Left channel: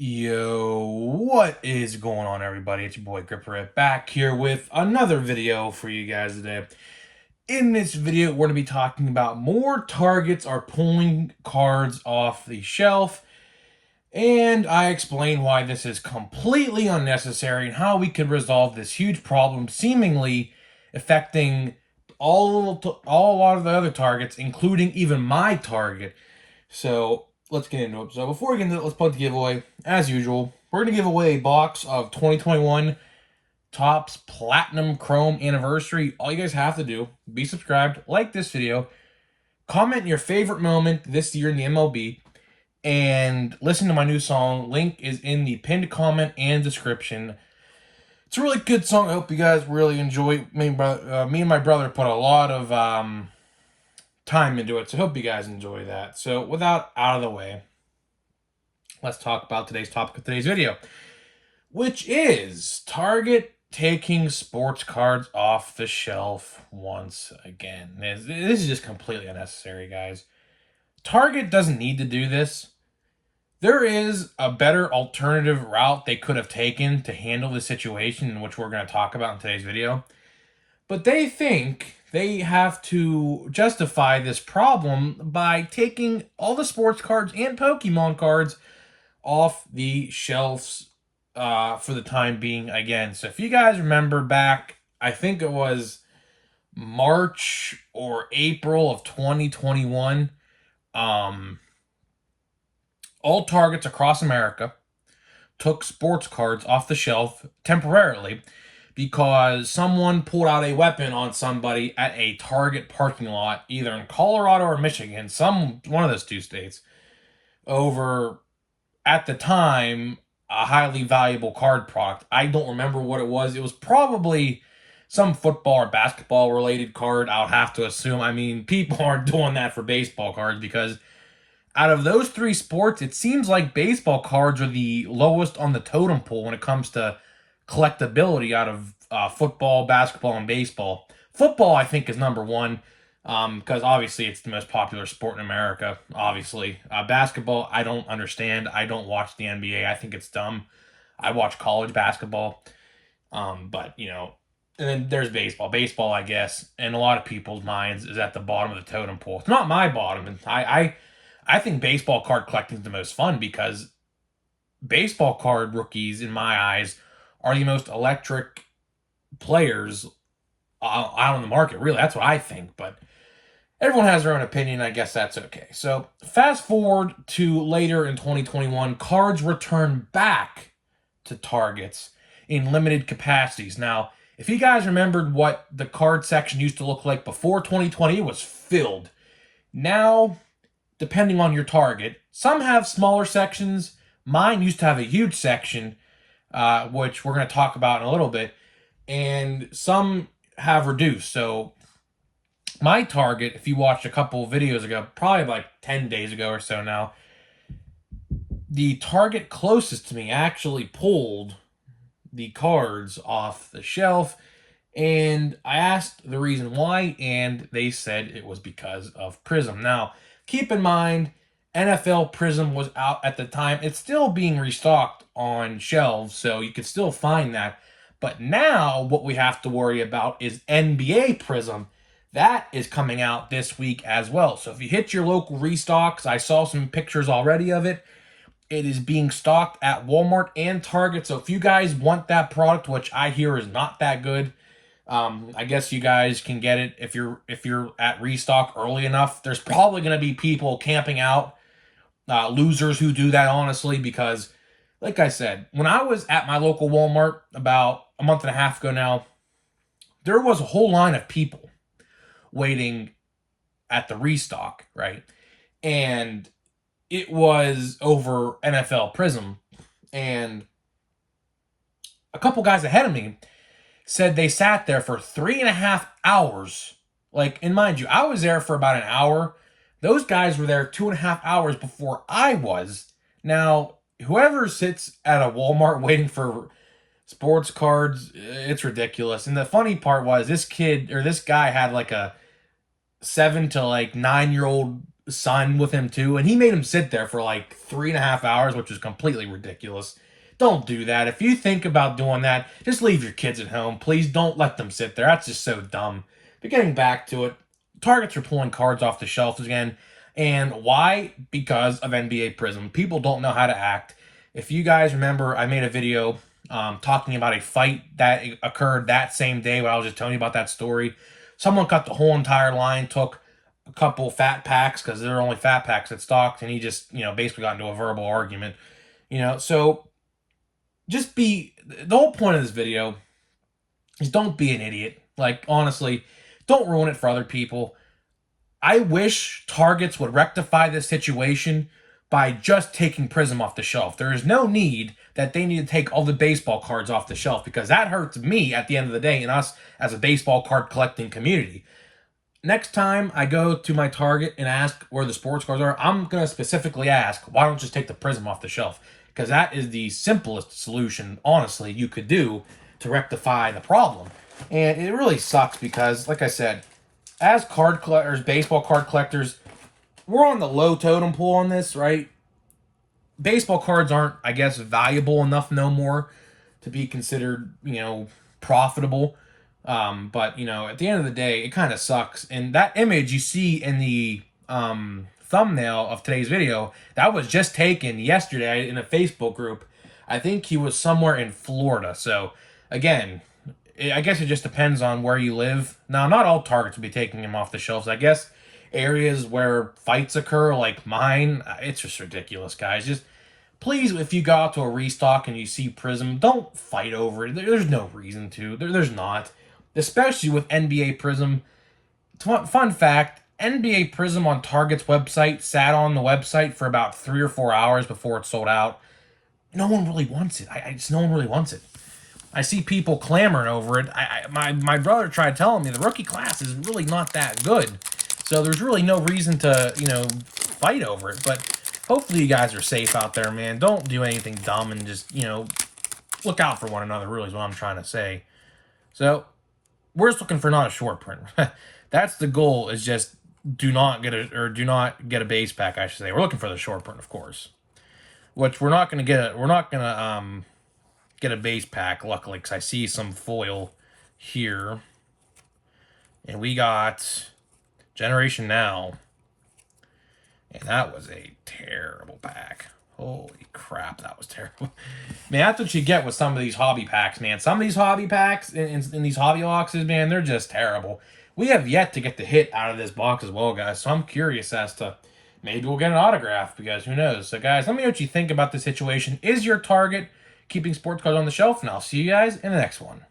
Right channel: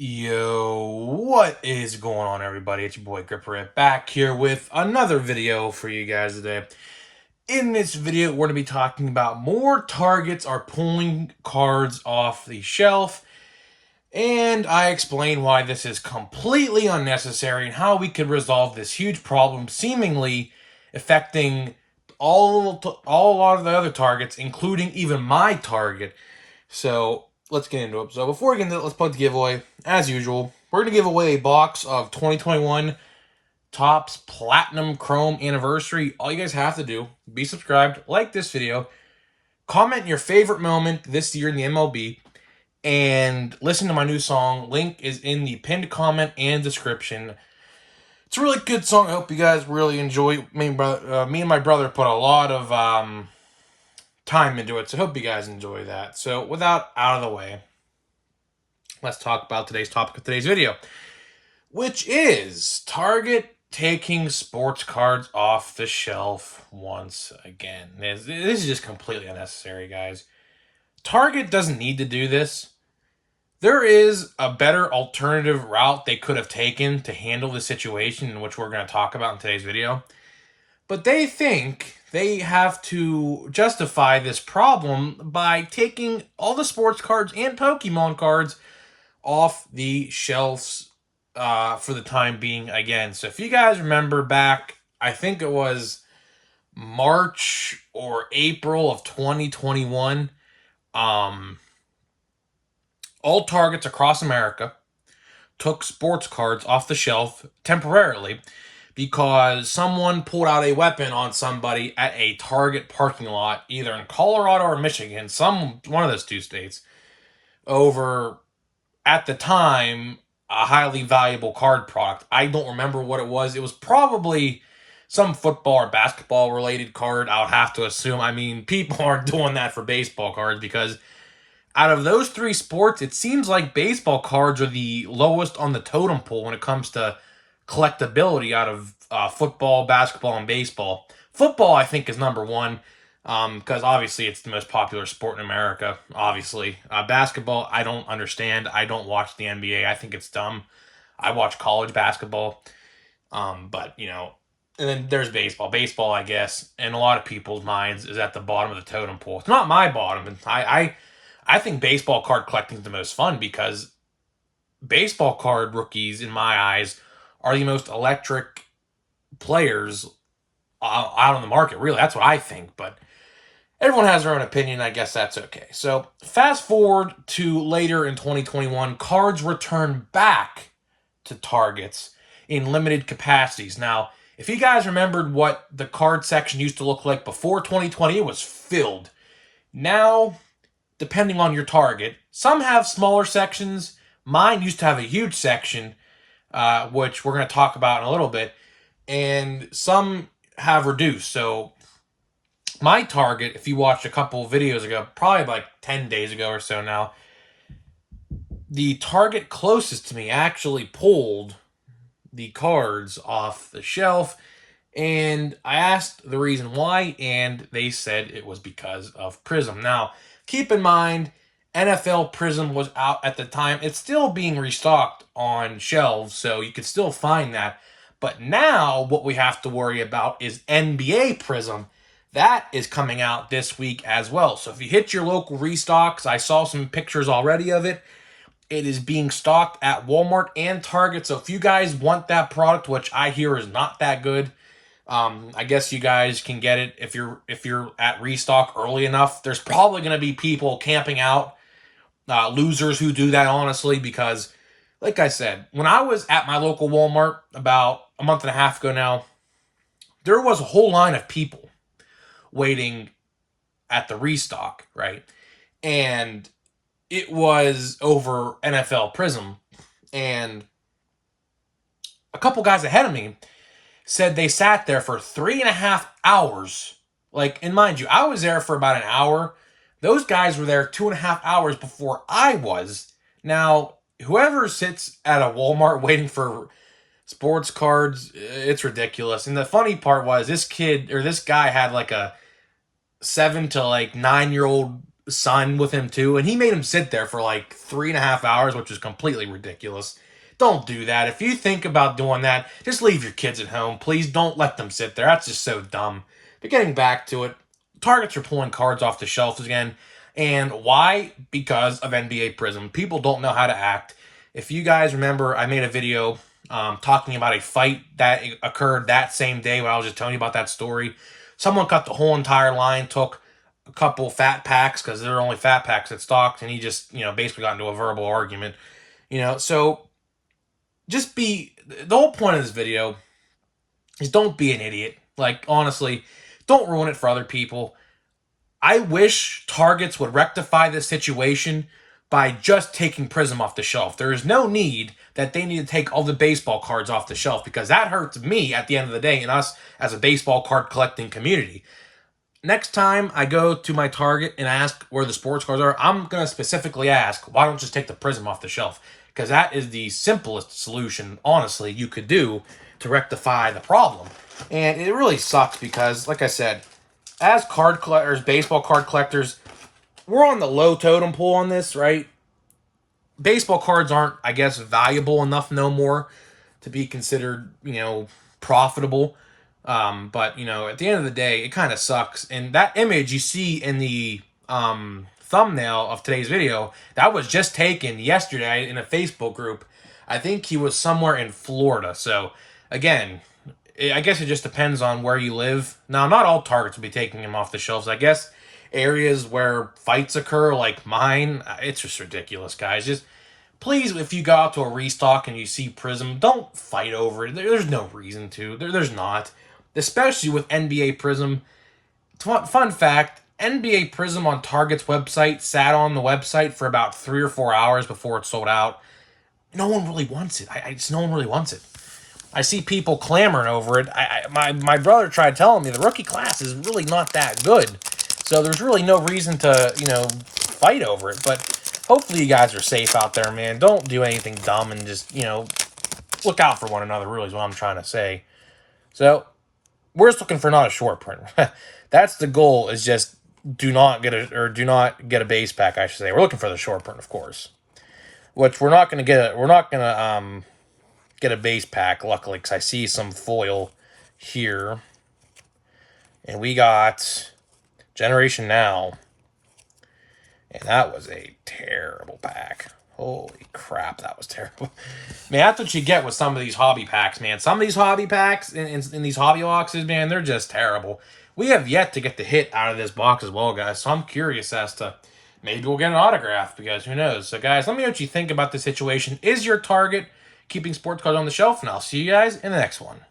Yo, what is going on, everybody? It's your boy Gripper back here with another video for you guys today. In this video, we're going to be talking about more targets are pulling cards off the shelf, and I explain why this is completely unnecessary and how we could resolve this huge problem seemingly affecting a lot of the other targets, including even my target. So let's get into it. So before we get into it, let's plug the giveaway. As usual, we're going to give away a box of 2021 Topps Platinum Chrome Anniversary. All you guys have to do, be subscribed, like this video, comment your favorite moment this year in the MLB, and listen to my new song. Link is in the pinned comment and description. It's a really good song. I hope you guys really enjoy. Me and my brother put a lot of time into it, so I hope you guys enjoy that. So without out of the way, let's talk about today's topic of today's video, which is Target taking sports cards off the shelf once again. This is just completely unnecessary, guys. Target doesn't need to do this. There is a better alternative route they could have taken to handle the situation, in which we're going to talk about in today's video. But they think they have to justify this problem by taking all the sports cards and Pokemon cards off the shelves for the time being again. So if you guys remember back, I think it was March or April of 2021, all Targets across America took sports cards off the shelf temporarily because someone pulled out a weapon on somebody at a Target parking lot, either in Colorado or Michigan, one of those two states, over, at the time, a highly valuable card product. I don't remember what it was. It was probably some football or basketball related card, I'll have to assume. I mean, people aren't doing that for baseball cards because out of those three sports, it seems like baseball cards are the lowest on the totem pole when it comes to collectability out of football, basketball, and baseball. Football, I think, is number one because obviously it's the most popular sport in America, obviously. Basketball, I don't understand. I don't watch the NBA. I think it's dumb. I watch college basketball. But, you know, and then there's baseball. Baseball, I guess, in a lot of people's minds, is at the bottom of the totem pole. It's not my bottom. I think baseball card collecting is the most fun because baseball card rookies, in my eyes, are the most electric players out on the market. Really, that's what I think. But everyone has their own opinion. I guess that's okay. So fast forward to later in 2021, cards return back to Targets in limited capacities. Now, if you guys remembered what the card section used to look like before 2020, it was filled. Now, depending on your target, some have smaller sections. Mine used to have a huge section, which we're going to talk about in a little bit, and some have reduced. So my target, if you watched a couple of videos ago, probably like 10 days ago or so now, the target closest to me actually pulled the cards off the shelf, and I asked the reason why, and they said it was because of Prism. Now, keep in mind, NFL Prism was out at the time. It's still being restocked on shelves, so you can still find that. But now what we have to worry about is NBA Prism. That is coming out this week as well. So if you hit your local restocks, I saw some pictures already of it. It is being stocked at Walmart and Target. So if you guys want that product, which I hear is not that good, I guess you guys can get it if you're at restock early enough. There's probably going to be people camping out, losers who do that, honestly, because, like I said, when I was at my local Walmart about a month and a half ago now, there was a whole line of people waiting at the restock, right? And it was over NFL Prism, and a couple guys ahead of me said they sat there for 3.5 hours. Like, and mind you, I was there for about an hour. Those guys were there 2.5 hours before I was. Now, whoever sits at a Walmart waiting for sports cards, it's ridiculous. And the funny part was this guy had like a 7 to 9 year old son with him too, and he made him sit there for like 3.5 hours, which is completely ridiculous. Don't do that. If you think about doing that, just leave your kids at home. Please don't let them sit there. That's just so dumb. But getting back to it, Targets are pulling cards off the shelves again. And why? Because of NBA Prism. People don't know how to act. If you guys remember, I made a video talking about a fight that occurred that same day when I was just telling you about that story. Someone cut the whole entire line, took a couple fat packs because there are only fat packs that stocked, and he just, basically got into a verbal argument. So just the whole point of this video is don't be an idiot. Like, honestly, don't ruin it for other people. I wish Targets would rectify this situation by just taking Prism off the shelf. There is no need that they need to take all the baseball cards off the shelf, because that hurts me at the end of the day and us as a baseball card collecting community. Next time I go to my Target and ask where the sports cards are, I'm going to specifically ask, why don't you just take the Prism off the shelf? Because that is the simplest solution, honestly, you could do to rectify the problem. And it really sucks because, like I said, as card collectors, baseball card collectors, we're on the low totem pole on this, right? Baseball cards aren't, I guess, valuable enough no more to be considered, profitable. But, at the end of the day, it kind of sucks. And that image you see in the thumbnail of today's video, that was just taken yesterday in a Facebook group. I think he was somewhere in Florida. So, again, I guess it just depends on where you live. Now, not all Targets will be taking them off the shelves. I guess areas where fights occur, like mine, it's just ridiculous, guys. Just please, if you go out to a restock and you see Prism, don't fight over it. There's no reason to. There's not. Especially with NBA Prism. Fun fact, NBA Prism on Target's website sat on the website for about 3 or 4 hours before it sold out. No one really wants it. No one really wants it. I see people clamoring over it. My brother tried telling me the rookie class is really not that good. So there's really no reason to, fight over it. But hopefully you guys are safe out there, man. Don't do anything dumb and just, look out for one another, really is what I'm trying to say. So we're just looking for not a short print. That's the goal, is just do not get a base pack, I should say. We're looking for the short print, of course. Which we're not going to get. We're not going to get a base pack, luckily, because I see some foil here. And we got Generation Now. And that was a terrible pack. Holy crap, that was terrible. Man, that's what you get with some of these hobby packs, man. Some of these hobby packs in these hobby boxes, man, they're just terrible. We have yet to get the hit out of this box as well, guys. So I'm curious as to maybe we'll get an autograph, because who knows. So, guys, let me know what you think about this situation. Is your Target keeping sports cards on the shelf? And I'll see you guys in the next one.